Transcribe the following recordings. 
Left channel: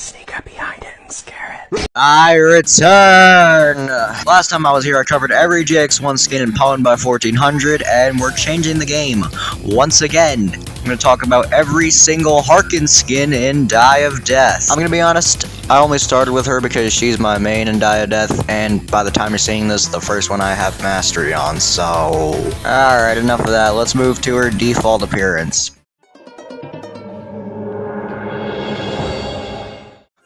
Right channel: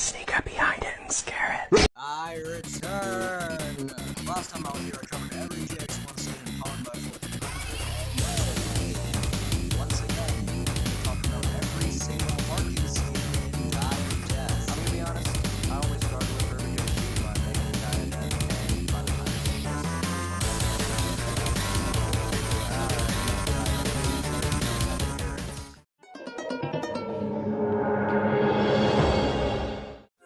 sneak up behind it and scare it. I return! Last time I was here, I covered every GX1 skin in Pound by 1400, and we're changing the game. Once again, I'm going to talk about every single Harken skin in Die of Death. I'm going to be honest, I only started with her because she's my main in Die of Death, and by the time you're seeing this, the first one I have mastery on, so... Alright, enough of that. Let's move to her default appearance.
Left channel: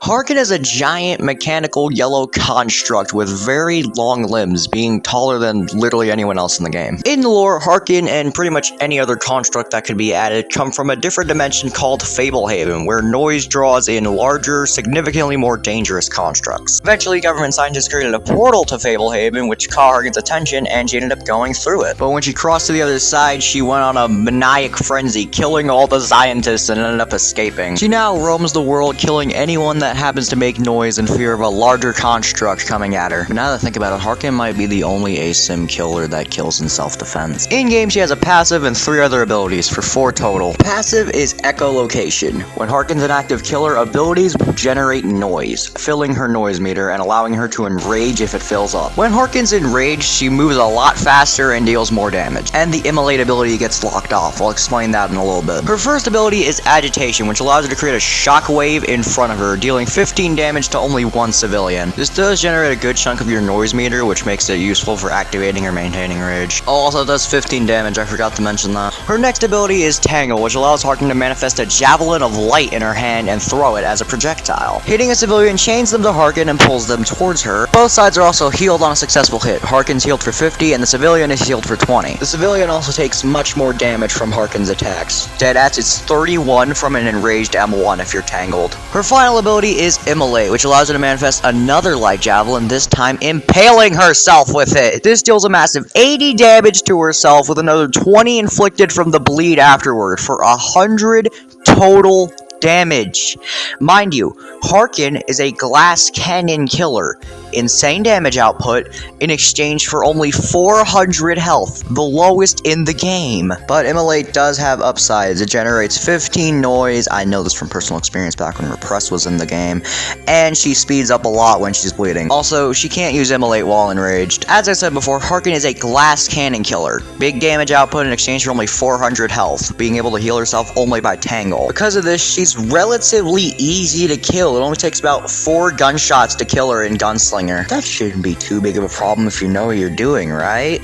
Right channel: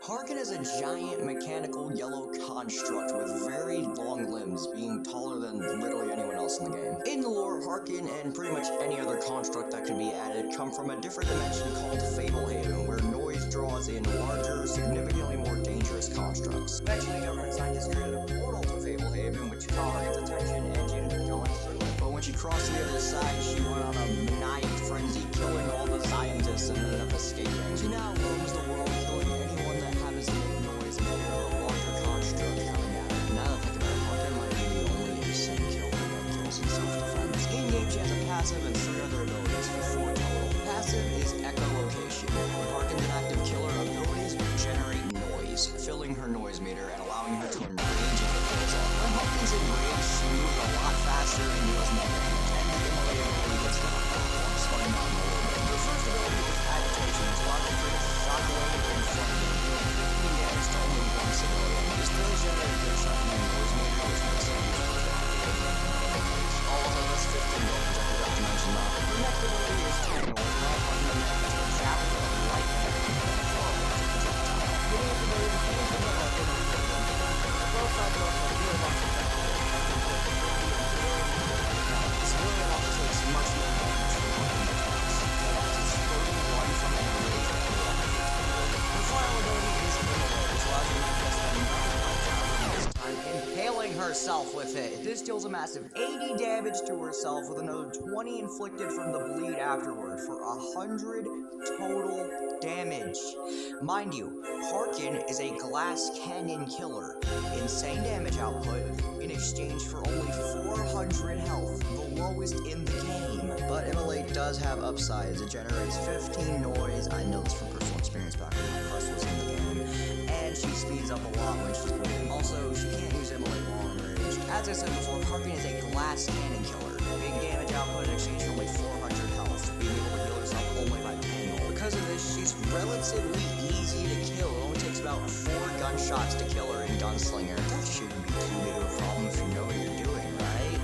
Harken is a giant mechanical yellow construct with very long limbs, being taller than literally anyone else in the game. In the lore, Harken and pretty much any other construct that could be added come from a different dimension called Fablehaven, where noise draws in larger, significantly more dangerous constructs. Eventually, government scientists created a portal to Fablehaven, which caught Harken's attention, and she ended up going through it. But when she crossed to the other side, she went on a maniac frenzy, killing all the scientists and ended up escaping. She now roams the world, killing anyone that happens to make noise in fear of a larger construct coming at her. But now that I think about it, Harken might be the only ASIM killer that kills in self-defense. In-game, she has a passive and 3 other abilities, for 4 total. Passive is echolocation. When Harken's an active killer, abilities will generate noise, filling her noise meter and allowing her to enrage if it fills up. When Harken's enraged, she moves a lot faster and deals more damage. And the immolate ability gets locked off. I'll explain that in a little bit. Her first ability is agitation, which allows her to create a shockwave in front of her, dealing 15 damage to only 1 civilian. This does generate a good chunk of your noise meter, which makes it useful for activating or maintaining rage. Also does 15 damage, I forgot to mention that. Her next ability is Tangle, which allows Harken to manifest a javelin of light in her hand and throw it as a projectile. Hitting a civilian chains them to Harken and pulls them towards her. Both sides are also healed on a successful hit. Harken's healed for 50 and the civilian is healed for 20. The civilian also takes much more damage from Harken's attacks. Deadass is 31 from an enraged M1 if you're tangled. Her final ability is Immolate, which allows her to manifest another light javelin, this time impaling herself with it. This deals a massive 80 damage to herself with another 20 inflicted from the bleed afterward for 100 total damage. Mind you, Harken is a glass cannon killer. Insane damage output in exchange for only 400 health, the lowest in the game. But Immolate does have upsides. It generates 15 noise, I know this from personal experience back when Repress was in the game, and she speeds up a lot when she's bleeding. Also, she can't use Immolate while enraged. As I said before, Harken is a glass cannon killer. Big damage output in exchange for only 400 health, being able to heal herself only by Tangle. Because of this, she's relatively easy to kill. It only takes about 4 gunshots to kill her in Gunslinger. That shouldn't be too big of a problem if you know what you're doing, right?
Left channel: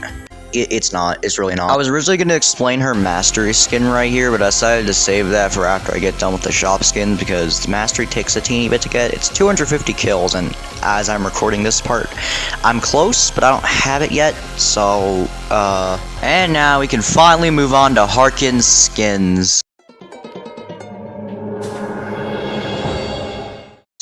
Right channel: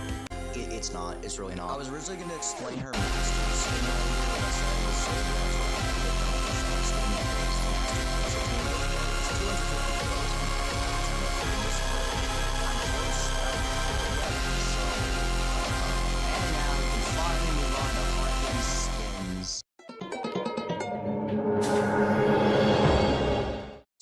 It's not. It's really not. I was originally going to explain her mastery skin right here, but I decided to save that for after I get done with the shop skin, because mastery takes a teeny bit to get. It's 250 kills, and as I'm recording this part, I'm close, but I don't have it yet, so, and now we can finally move on to Harken's skins.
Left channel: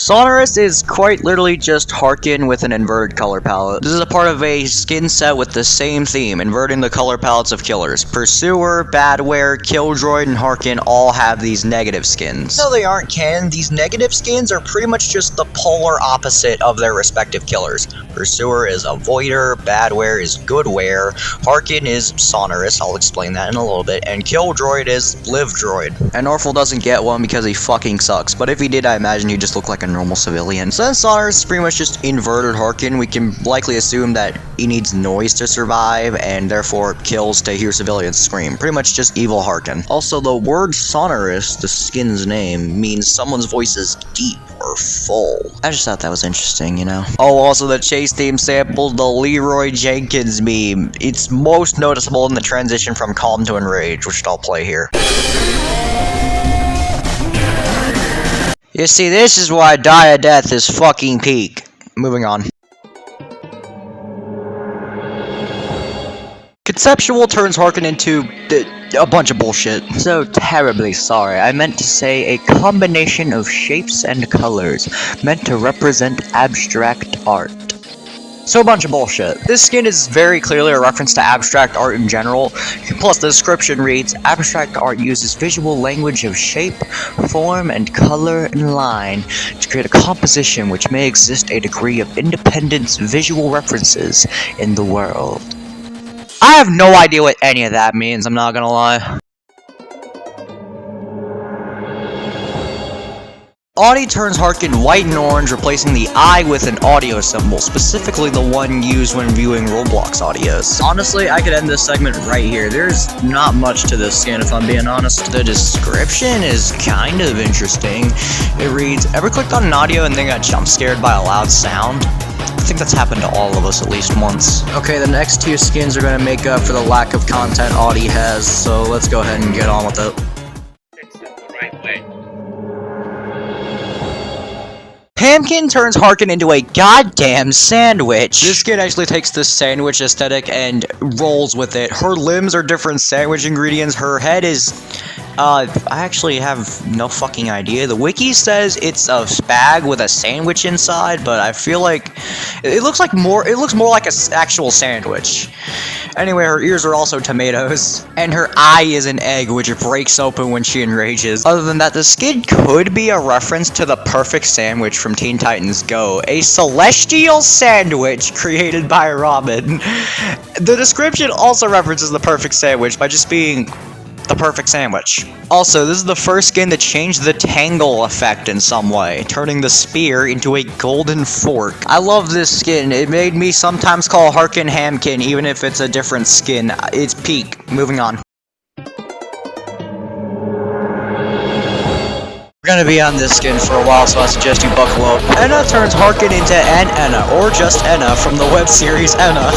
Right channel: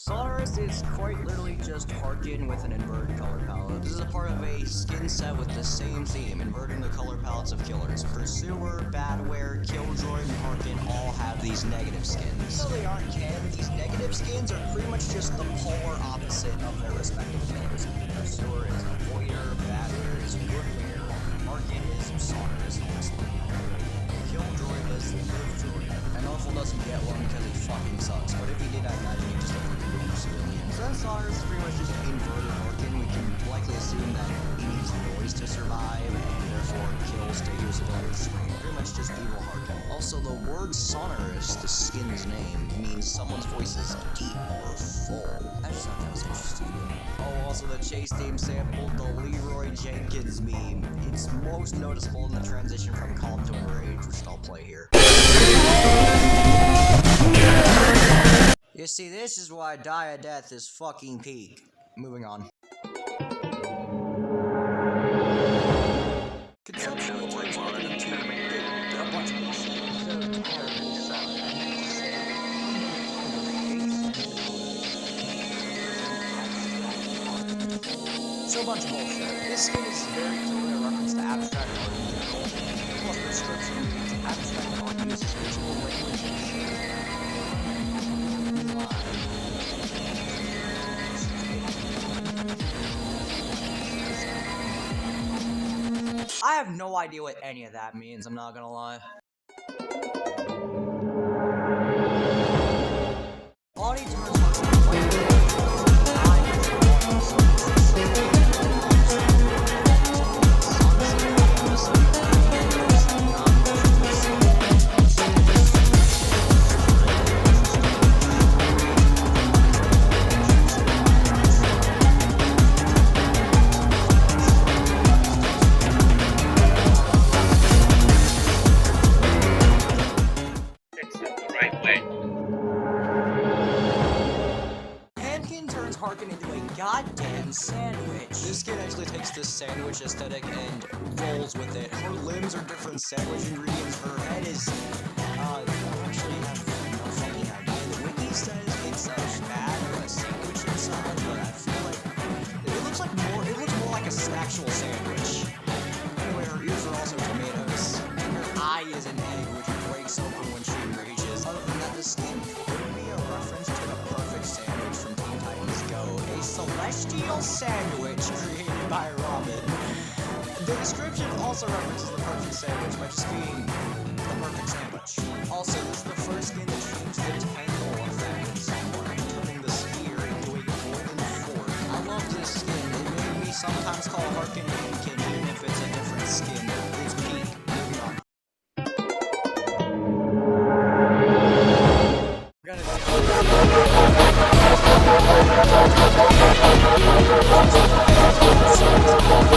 Sonorous is quite literally just Harken with an inverted color palette. This is a part of a skin set with the same theme, inverting the color palettes of killers. Pursuer, Badware, Killjoy, and Harken all have these negative skins. No, they aren't canon. These negative skins are pretty much just the polar opposite of their respective killers. Pursuer is Avoider, Badware is Goodware, Harken is Sonorous, I'll explain that in a little bit, and Killdroid is Livedroid. And Orphle doesn't get one because he fucking sucks, but if he did, I imagine he'd just look like a normal civilian. Since Sonorous is pretty much just inverted Harken, we can likely assume that he needs noise to survive, and therefore kills to hear civilians scream. Pretty much just evil Harken. Also, the word Sonorous, the skin's name, means someone's voice is deep or full. I just thought that was interesting, you know? Oh, also the chase theme sampled the Leroy Jenkins meme. It's most noticeable in the transition from calm to enrage, which I'll play here. You see, this is why Die of Death is fucking peak. Moving on. Conceptual turns Harken into a bunch of bullshit. So terribly sorry. I meant to say a combination of shapes and colors meant to represent abstract art. So a bunch of bullshit. This skin is very clearly a reference to abstract art in general, plus the description reads, abstract art uses visual language of shape, form, and color and line to create a composition which may exist a degree of independence visual references in the world. I have no idea what any of that means, I'm not gonna lie. Audie turns Harken white and orange, replacing the eye with an audio symbol, specifically the one used when viewing Roblox audios. Honestly, I could end this segment right here. There's not much to this skin, if I'm being honest. The description is kind of interesting. It reads, ever clicked on an audio and then got jump scared by a loud sound? I think that's happened to all of us at least once. Okay, the next two skins are going to make up for the lack of content Audie has, so let's go ahead and get on with it. Fix it the right way. Hamken turns Harken into a goddamn sandwich. This skin actually takes this sandwich aesthetic and rolls with it. Her limbs are different sandwich ingredients. Her head is... I actually have no fucking idea. The wiki says it's a spag with a sandwich inside, but I feel like it looks more like an actual sandwich. Anyway, her ears are also tomatoes, and her eye is an egg, which breaks open when she enrages. Other than that, the skin could be a reference to the perfect sandwich from Teen Titans Go, a celestial sandwich created by Robin. The description also references the perfect sandwich by just being the perfect sandwich. Also, this is the first skin that changed the tangle effect in some way, turning the spear into a golden fork. I love this skin. It made me sometimes call Harken Hamken, even if it's a different skin. It's peak. Moving on. We're gonna be on this skin for a while, so I suggest you buckle up. Enna turns Harken into an Enna, or just Enna, from the web series Enna.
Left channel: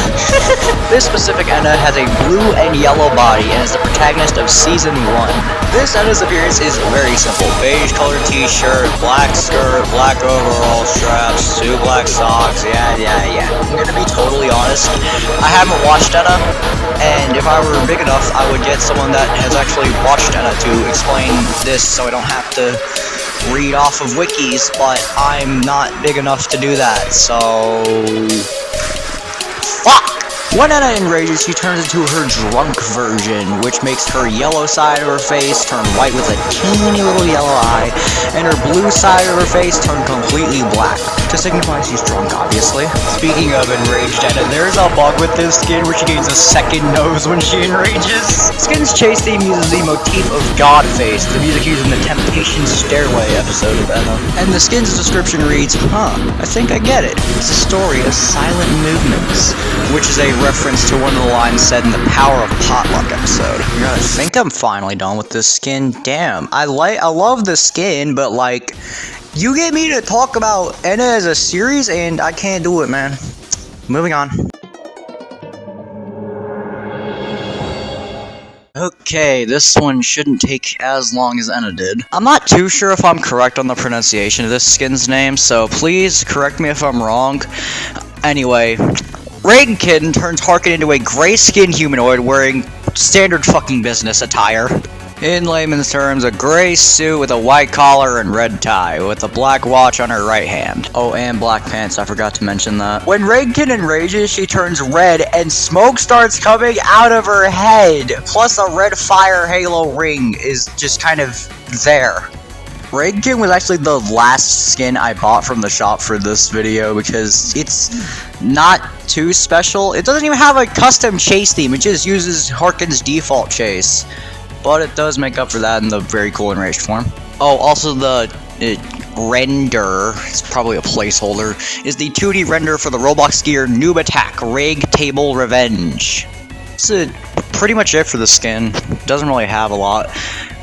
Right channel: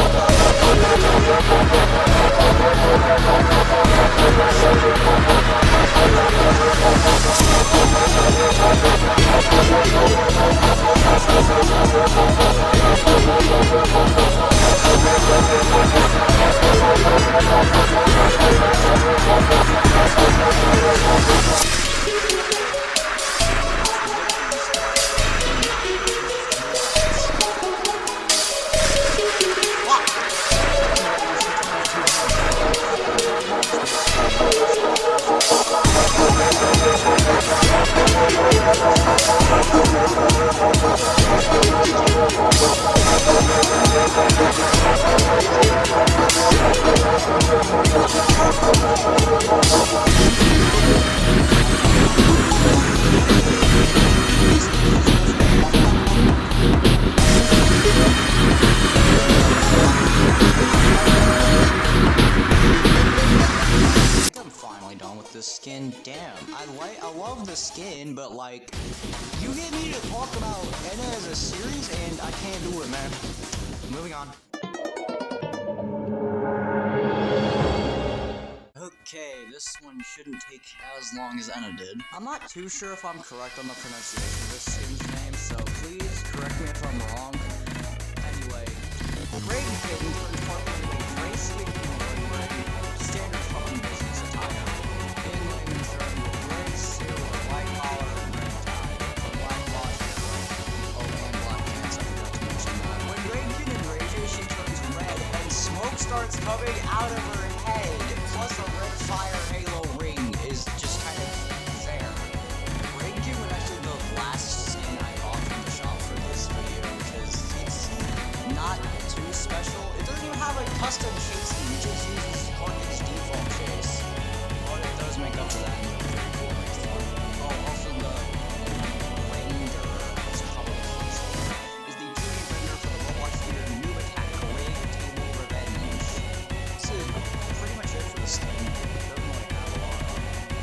This specific Enna has a blue and yellow body and is the protagonist of Season 1. This Enna's appearance is very simple. Beige colored t-shirt, black skirt, black overall straps, two black socks, yeah. I'm gonna be totally honest. I haven't watched Enna, and if I were big enough, I would get someone that has actually watched Enna to explain this so I don't have to read off of wikis, but I'm not big enough to do that, so... Fuck! When Enna enrages, she turns into her drunk version, which makes her yellow side of her face turn white with a teeny little yellow eye, and her blue side of her face turn completely black, to signify she's drunk, obviously. Speaking of enraged Enna, there's a bug with this skin where she needs a second nose when she enrages. Skin's chase theme uses the motif of Godface, the music used in the Temptation Stairway episode of Enna. And the skin's description reads, I think I get it. It's a story of silent movements, which is a reference to one of the lines said in the Power of Potluck episode. I think I'm finally done with this skin. Damn, I love the skin, but like, you get me to talk about Enna as a series, and I can't do it, man. Moving on. Okay, this one shouldn't take as long as Enna did. I'm not too sure if I'm correct on the pronunciation of this skin's name, so please correct me if I'm wrong. Anyway, Raigken turns Harken into a gray-skinned humanoid wearing standard fucking business attire. In layman's terms, a gray suit with a white collar and red tie, with a black watch on her right hand. Oh, and black pants, I forgot to mention that. When Raigken enrages, she turns red, and smoke starts coming out of her head, plus a red fire halo ring is just kind of there. Raigken was actually the last skin I bought from the shop for this video, because it's not too special. It doesn't even have a custom chase theme, it just uses Harken's default chase. But it does make up for that in the very cool enraged form. Oh, also the render, it's probably a placeholder, is the 2D render for the Roblox gear Noob Attack Raig Table Revenge. That's pretty much it for the skin. Doesn't really have a lot.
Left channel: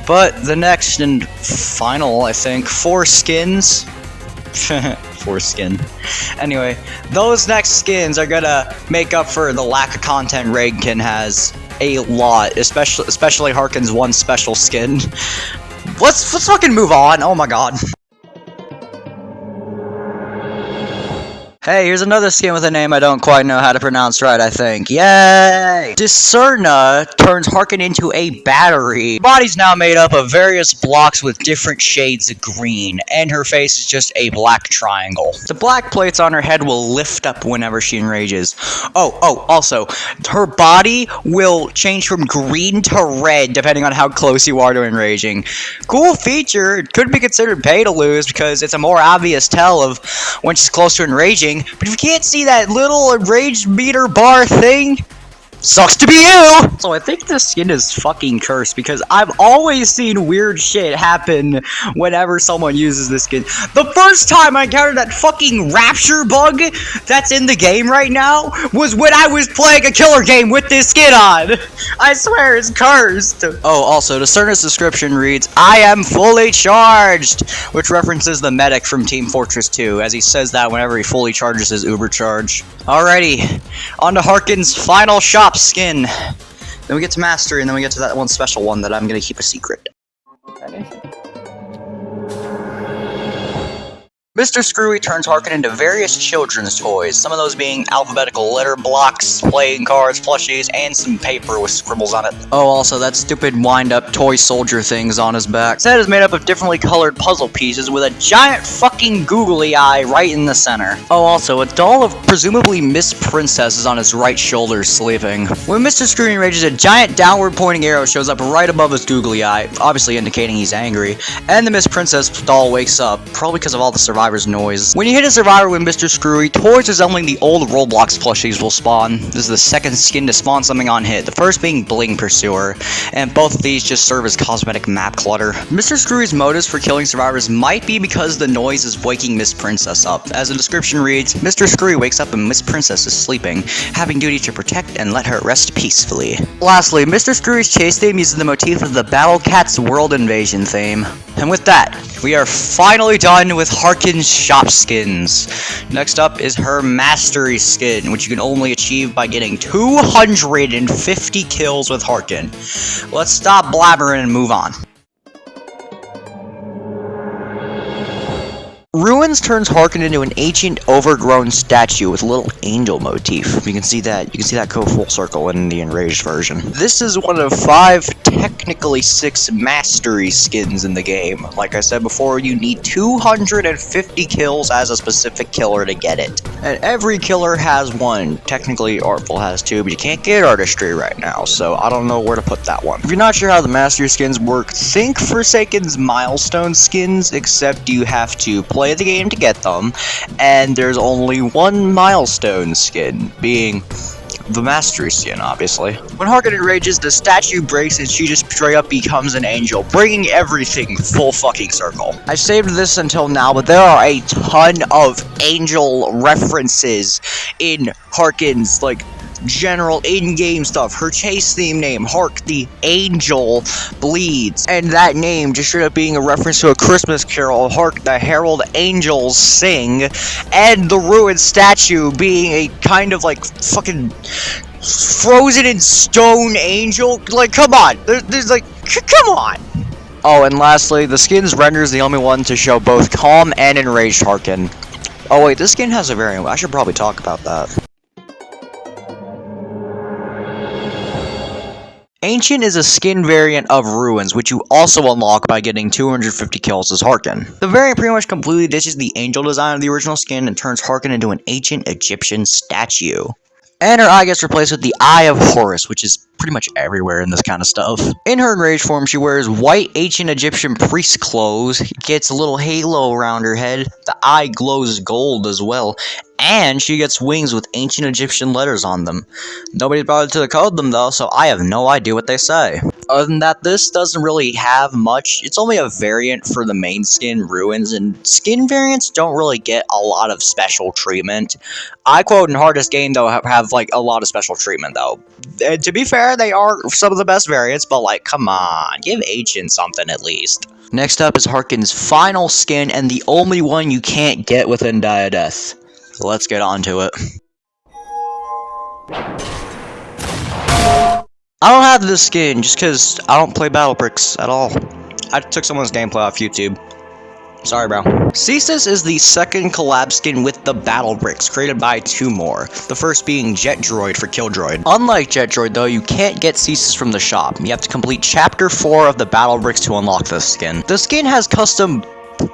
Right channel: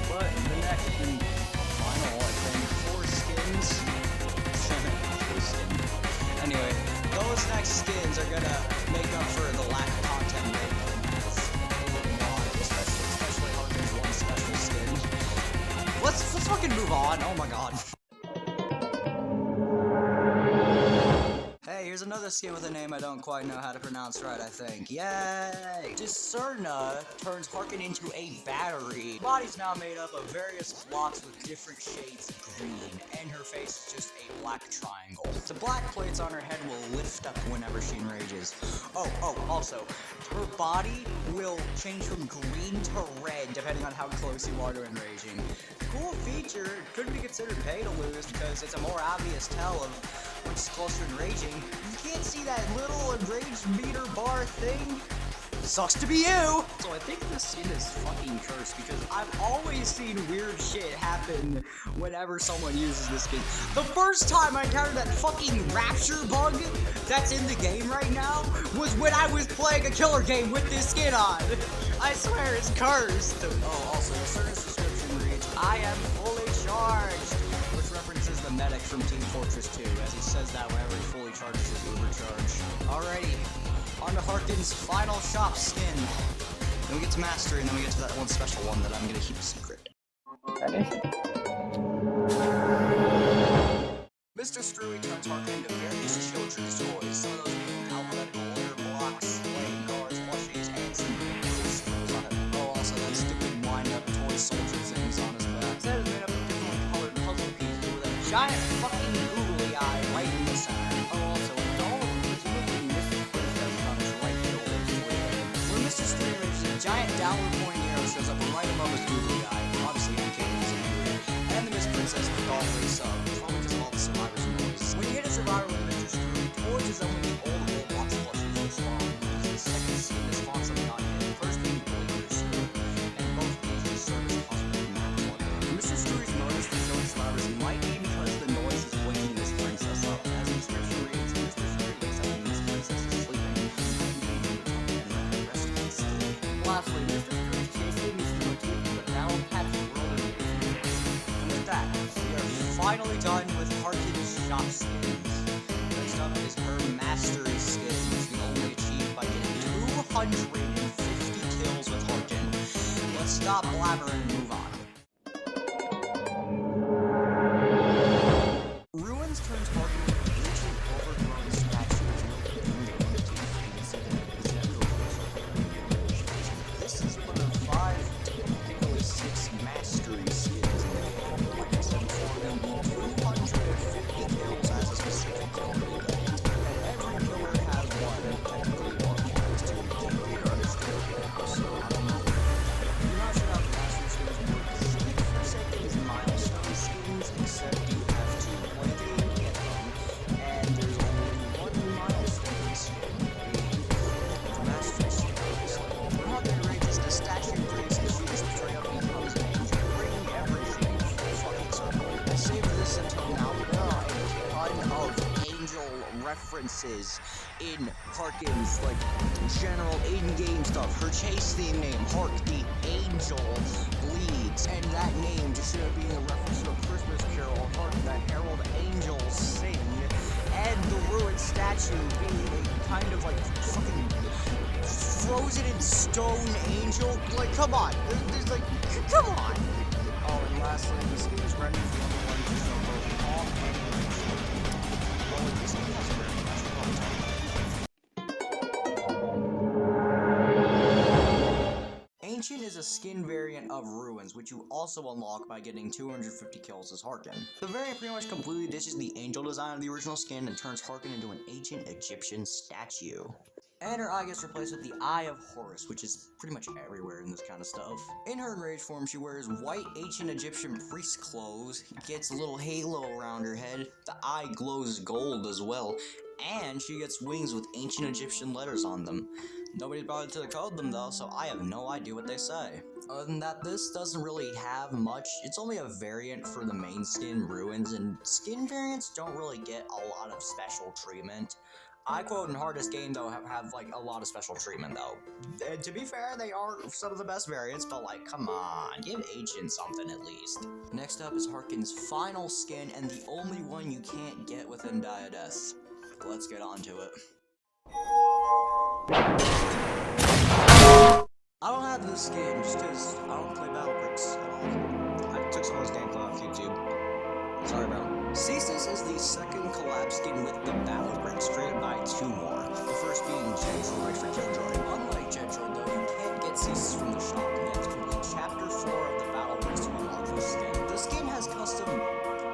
But the next and final, I think, 4 skins. 4 skin. Anyway, those next skins are gonna make up for the lack of content Raigken has a lot, especially Harken's one special skin. Let's fucking move on. Oh my god. Hey, here's another skin with a name I don't quite know how to pronounce right, I think. Yay! Discerna turns Harken into a battery. Her body's now made up of various blocks with different shades of green, and her face is just a black triangle. The black plates on her head will lift up whenever she enrages. Oh, also, her body will change from green to red depending on how close you are to enraging. Cool feature. It could be considered pay to lose because it's a more obvious tell of when she's close to enraging. But if you can't see that little enraged meter bar thing, Sucks to be you! So I think this skin is fucking cursed because I've always seen weird shit happen whenever someone uses this skin. The first time I encountered that fucking rapture bug that's in the game right now was when I was playing a killer game with this skin on. I swear it's cursed. Oh, also, Discerna's description reads, "I am fully charged," which references the medic from Team Fortress 2, as he says that whenever he fully charges his Uber charge. Alrighty, on to Harken's final shop skin. Then we get to Mastery, and then we get to that one special one that I'm gonna keep a secret. Mr. Screwy turns Harken into various children's toys, some of those being alphabetical letter blocks, playing cards, plushies, and some paper with scribbles on it. Oh, also that stupid wind-up toy soldier thing's on his back. His head is made up of differently colored puzzle pieces with a giant fucking googly eye right in the center. Oh, also, a doll of presumably Miss Princess is on his right shoulder sleeping. When Mr. Screwy enrages, a giant downward-pointing arrow shows up right above his googly eye, obviously indicating he's angry, and the Miss Princess doll wakes up, probably because of all the survivors' noise. When you hit a survivor with Mr. Screwy, toys resembling the old Roblox plushies will spawn. This is the second skin to spawn something on hit, the first being Bling Pursuer, and both of these just serve as cosmetic map clutter. Mr. Screwy's motives for killing survivors might be because the noise is waking Miss Princess up. As the description reads, Mr. Screwy wakes up and Miss Princess is sleeping, having duty to protect and let her rest peacefully. Lastly, Mr. Screwy's chase theme uses the motif of the Battle Cat's World Invasion theme. And with that, we are finally done with Harken's shop skins. Next up is her Mastery skin, which you can only achieve by getting 250 kills with Harken. Let's stop blabbering and move on. Ruins turns Harken into an ancient, overgrown statue with a little angel motif. You can see that go full circle in the enraged version. This is one of 5, technically 6 Mastery skins in the game. Like I said before, you need 250 kills as a specific killer to get it. And every killer has one. Technically, Artful has 2, but you can't get Artistry right now, so I don't know where to put that one. If you're not sure how the Mastery skins work, think Forsaken's milestone skins, except you have to play the game to get them, and there's only one milestone skin, being the Mastery skin, obviously. When Harken enrages, the statue breaks and she just straight up becomes an angel, bringing everything full fucking circle. I saved this until now, but there are a ton of angel references in Harken's, like, general in-game stuff. Her chase theme name, Hark the Angel Bleeds, and that name just straight up being a reference to A Christmas Carol, Hark the Herald Angels Sing, and the ruined statue being a kind of like fucking frozen in stone angel. Like, come on, there's like, come on. Oh, and lastly, the skin's render is the only one to show both calm and enraged Harken. Oh wait, this skin has a variant. I should probably talk about that. Ancient is a skin variant of Ruins, which you also unlock by getting 250 kills as Harken. The variant pretty much completely ditches the angel design of the original skin and turns Harken into an ancient Egyptian statue. And her eye gets replaced with the Eye of Horus, which is pretty much everywhere in this kind of stuff. In her enraged form, she wears white ancient Egyptian priest clothes, gets a little halo around her head, the eye glows gold as well, and she gets wings with ancient Egyptian letters on them. Nobody's bothered to decode them though, so I have no idea what they say. Other than that, this doesn't really have much. It's only a variant for the main skin, Ruins, and skin variants don't really get a lot of special treatment. I quote in Hardest Game though have like a lot of special treatment though. And to be fair, they are some of the best variants, but like, come on, give Ancient something at least. Next up is Harken's final skin, and the only one you can't get within Diadeath. So let's get on to it. I don't have this skin just because I don't play Battle Bricks at all. I took someone's gameplay off YouTube. Sorry, bro. Cesus is the second collab skin with the Battle Bricks, created by 2 more. The first being Jet Droid for Kill Droid. Unlike Jet Droid, though, you can't get Cesus from the shop. You have to complete Chapter 4 of the Battle Bricks to unlock this skin. The skin has custom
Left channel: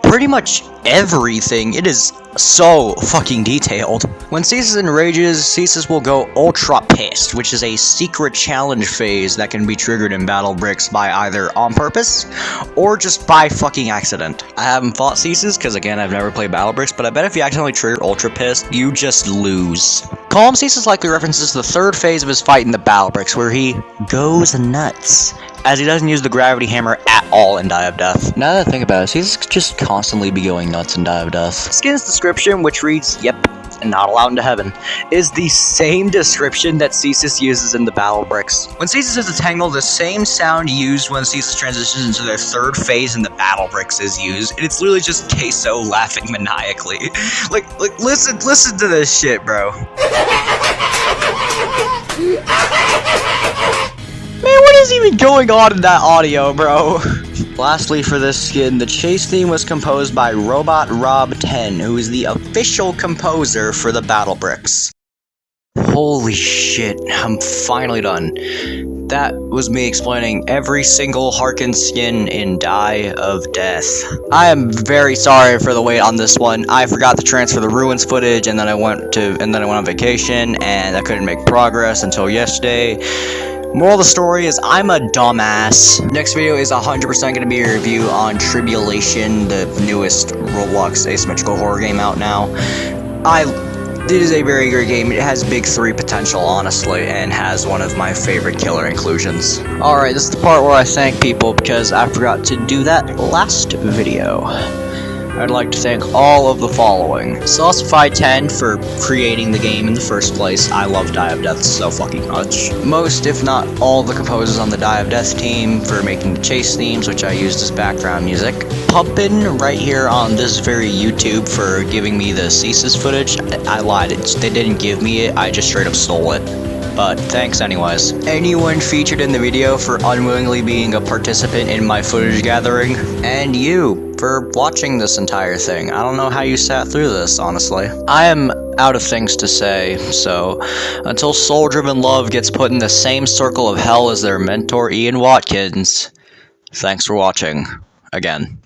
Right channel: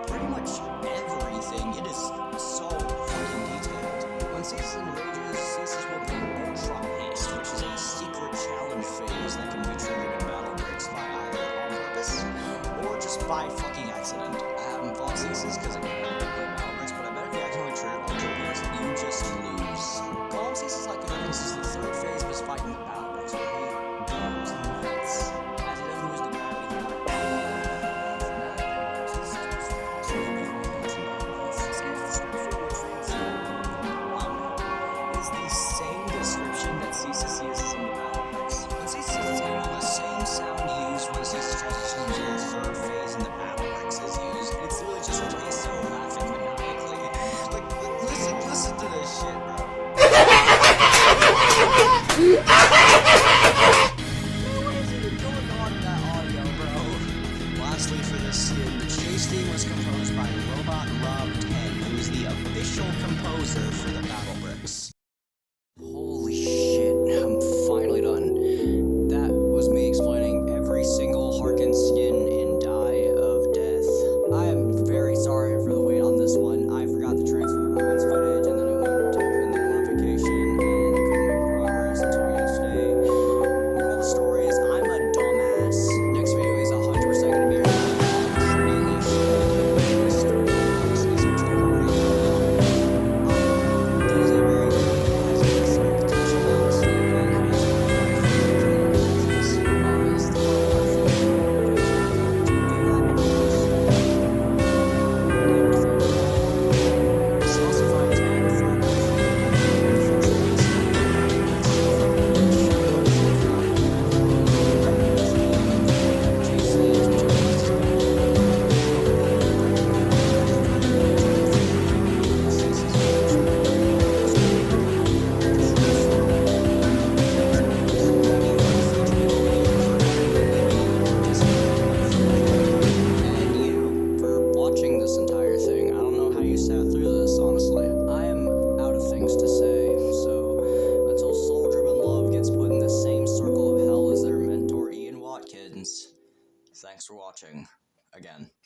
pretty much everything. It is so fucking detailed. When Cesus enrages, Cesus will go ultra pissed, which is a secret challenge phase that can be triggered in Battle Bricks by either on purpose or just by fucking accident. I haven't fought Cesus because again I've never played Battle Bricks, but I bet if you accidentally trigger ultra pissed, you just lose. Calm Cesus likely references the third phase of his fight in the Battle Bricks where he goes nuts, as he doesn't use the gravity hammer at all in Die of Death. Now that I think about it, Cesus could just constantly be going nuts in Die of Death. Skin's description, which reads, "Yep, and not allowed into heaven," is the same description that Cesus uses in the Battle Bricks. When Cesus is a Tangle, the same sound used when Cesus transitions into their third phase in the Battle Bricks is used, and it's literally just Queso laughing maniacally. like listen to this shit, bro. Man, what is even going on in that audio, bro? Lastly, for this skin, the chase theme was composed by Robot Rob 10, who is the official composer for the Battle Bricks. Holy shit, I'm finally done. That was me explaining every single Harken skin in Die of Death. I am very sorry for the wait on this one. I forgot to transfer the ruins footage, and then I went on vacation, and I couldn't make progress until yesterday. Moral of the story is I'm a dumbass. Next video is 100% going to be a review on Tribulation, the newest Roblox asymmetrical horror game out now. It is a very great game. It has big 3 potential, honestly, and has one of my favorite killer inclusions. Alright, this is the part where I thank people because I forgot to do that last video. I'd like to thank all of the following. Saucify10 for creating the game in the first place. I love Die of Death so fucking much. Most, if not all, the composers on the Die of Death team for making the chase themes, which I used as background music. Pumpin' right here on this very YouTube for giving me the Cesus footage. I lied, they didn't give me it, I just straight up stole it. But thanks anyways. Anyone featured in the video for unwillingly being a participant in my footage gathering. And you for watching this entire thing. I don't know how you sat through this, honestly. I am out of things to say, so until soul-driven love gets put in the same circle of hell as their mentor Ian Watkins, thanks for watching. Again.